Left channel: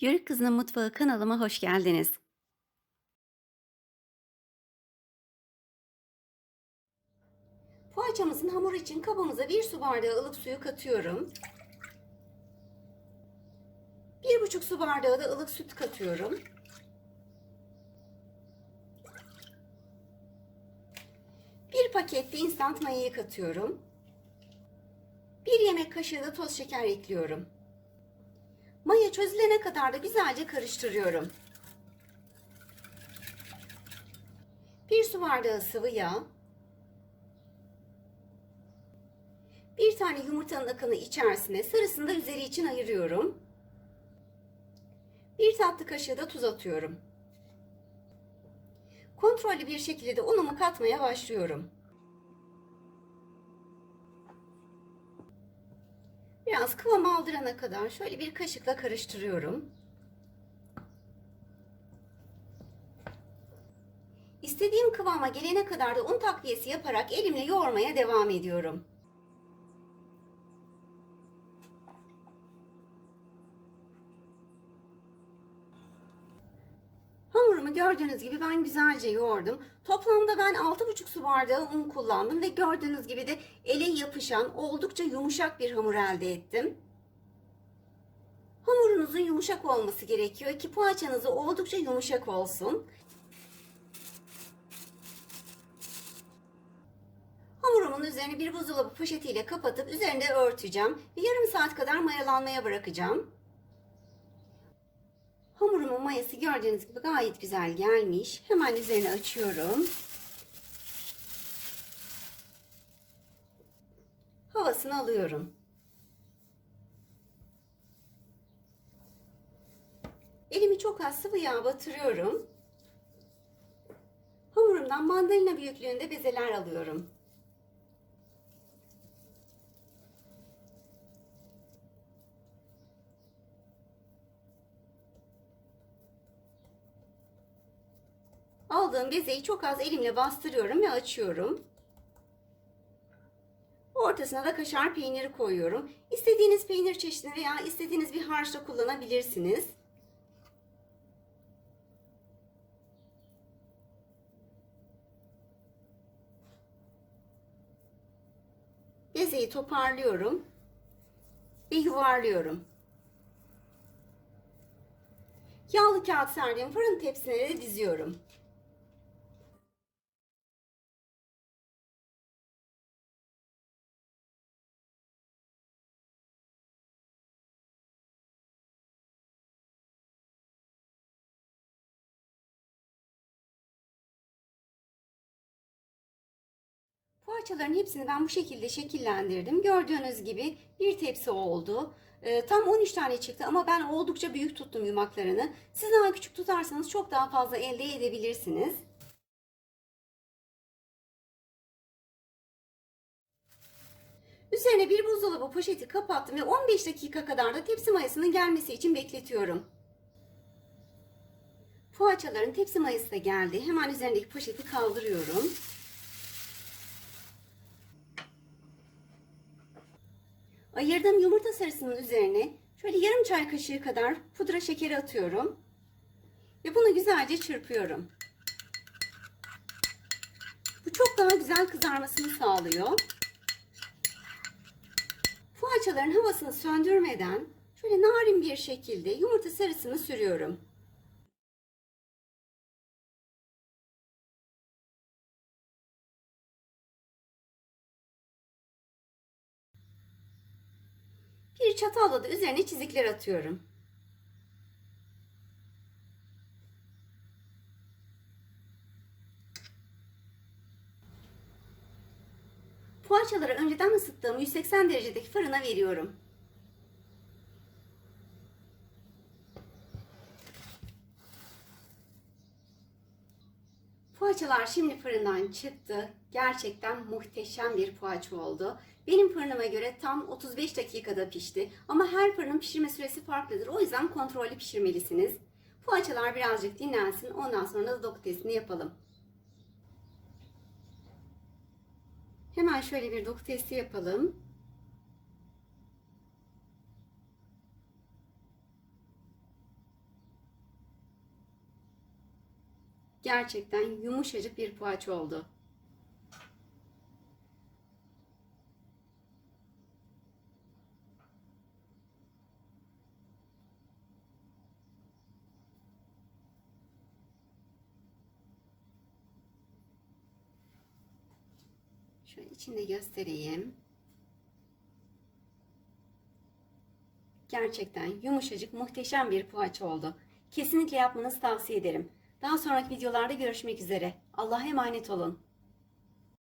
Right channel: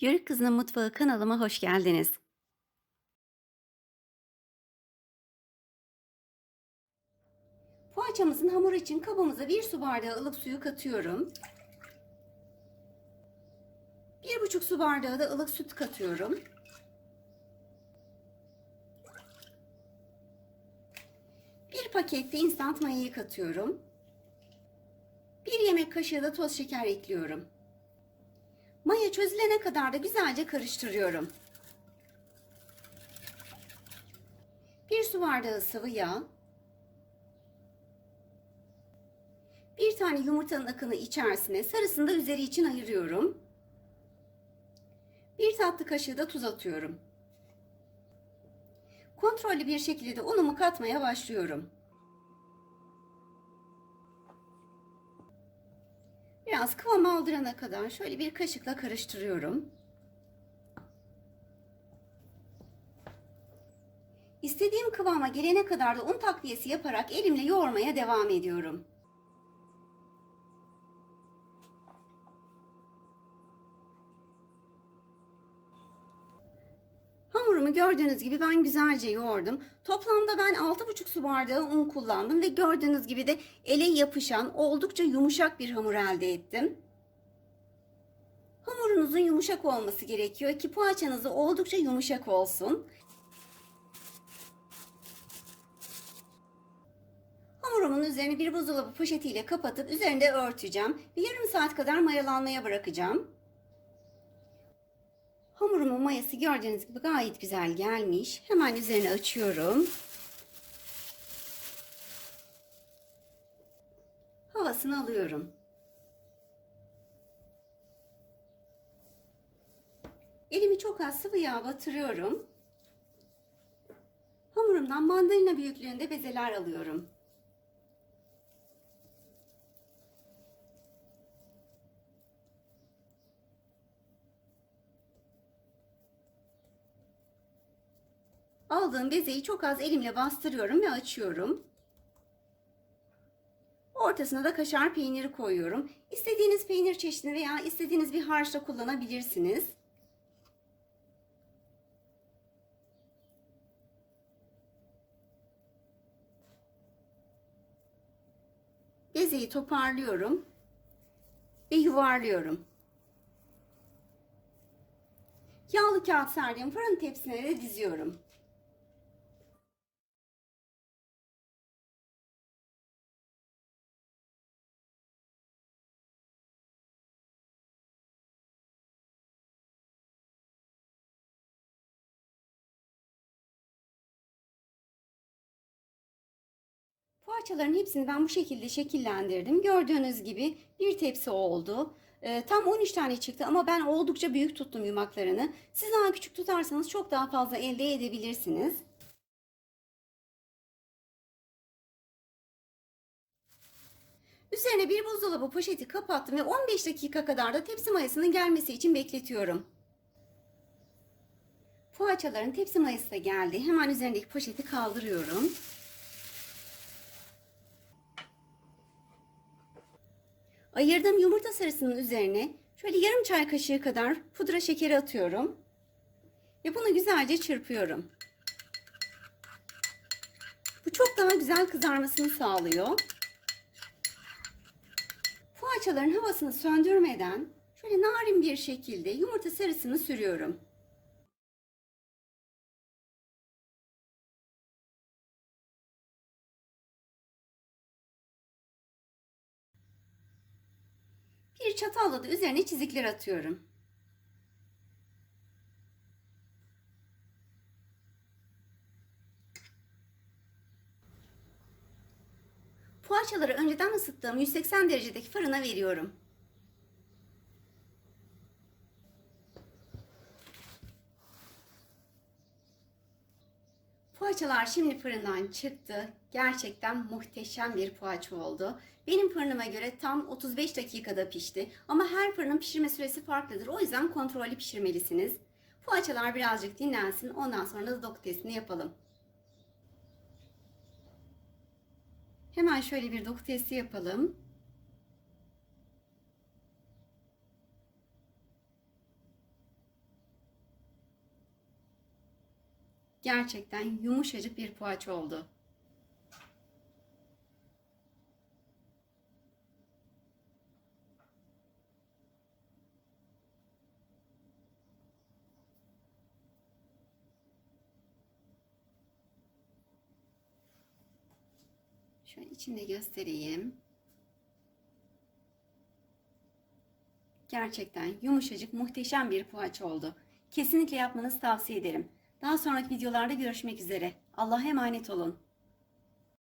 Yörük Kızının Mutfağı kanalıma hoş geldiniz. Poğaçamızın hamuru için kabımıza 1 su bardağı ılık suyu katıyorum. 1,5 su bardağı da ılık süt katıyorum. 1 paket de instant mayayı katıyorum. 1 yemek kaşığı da toz şeker ekliyorum. Maya çözülene kadar da güzelce karıştırıyorum. 1 su bardağı sıvı yağ. 1 tane yumurtanın akını içerisine, sarısını da üzeri için ayırıyorum. 1 tatlı kaşığı da tuz atıyorum. Kontrollü bir şekilde de unumu katmaya başlıyorum. Biraz kıvam aldırana kadar şöyle bir kaşıkla karıştırıyorum. İstediğim kıvama gelene kadar da un takviyesi yaparak elimle yoğurmaya devam ediyorum. Hamurumu gördüğünüz gibi ben güzelce yoğurdum. Toplamda ben 6,5 su bardağı un kullandım ve gördüğünüz gibi de ele yapışan oldukça yumuşak bir hamur elde ettim. Hamurunuzun yumuşak olması gerekiyor ki poğaçanız da oldukça yumuşak olsun. Hamurumun üzerine bir buzdolabı poşetiyle kapatıp üzerinde örteceğim ve yarım saat kadar mayalanmaya bırakacağım. Hamurumun mayası gördüğünüz gibi gayet güzel gelmiş. Hemen üzerine açıyorum. Havasını alıyorum. Elimi çok az sıvı yağ batırıyorum. Hamurumdan mandalina büyüklüğünde bezeler alıyorum. Aldığım bezeyi çok az elimle bastırıyorum ve açıyorum. Ortasına da kaşar peyniri koyuyorum. İstediğiniz peynir çeşidini veya istediğiniz bir harçla kullanabilirsiniz. Bezeyi toparlıyorum ve yuvarlıyorum. Yağlı kağıt serdiğim fırın tepsine de diziyorum. Poğaçaların hepsini ben bu şekilde şekillendirdim. Gördüğünüz gibi bir tepsi oldu. Tam 13 tane çıktı ama ben oldukça büyük tuttum yumaklarını. Siz daha küçük tutarsanız çok daha fazla elde edebilirsiniz. Üzerine bir buzdolabı poşeti kapattım ve 15 dakika kadar da tepsi mayasının gelmesi için bekletiyorum. Poğaçaların tepsi mayası da geldi. Hemen üzerindeki poşeti kaldırıyorum. Ayırdığım yumurta sarısının üzerine şöyle yarım çay kaşığı kadar pudra şekeri atıyorum. Ve bunu güzelce çırpıyorum. Bu çok daha güzel kızarmasını sağlıyor. Poğaçaların havasını söndürmeden şöyle narin bir şekilde yumurta sarısını sürüyorum. Bir çatalla da üzerine çizikler atıyorum. Poğaçaları önceden ısıttığım 180 derecedeki fırına veriyorum. Poğaçalar şimdi fırından çıktı. Gerçekten muhteşem bir poğaça oldu. Benim fırınıma göre tam 35 dakikada pişti. Ama her fırının pişirme süresi farklıdır. O yüzden kontrollü pişirmelisiniz. Poğaçalar birazcık dinlensin. Ondan sonra da doku testini yapalım. Hemen şöyle bir doku testi yapalım. Gerçekten yumuşacık bir poğaça oldu. Şöyle içinde göstereyim. Gerçekten yumuşacık, muhteşem bir poğaça oldu. Kesinlikle yapmanızı tavsiye ederim. Daha sonraki videolarda görüşmek üzere. Allah'a emanet olun.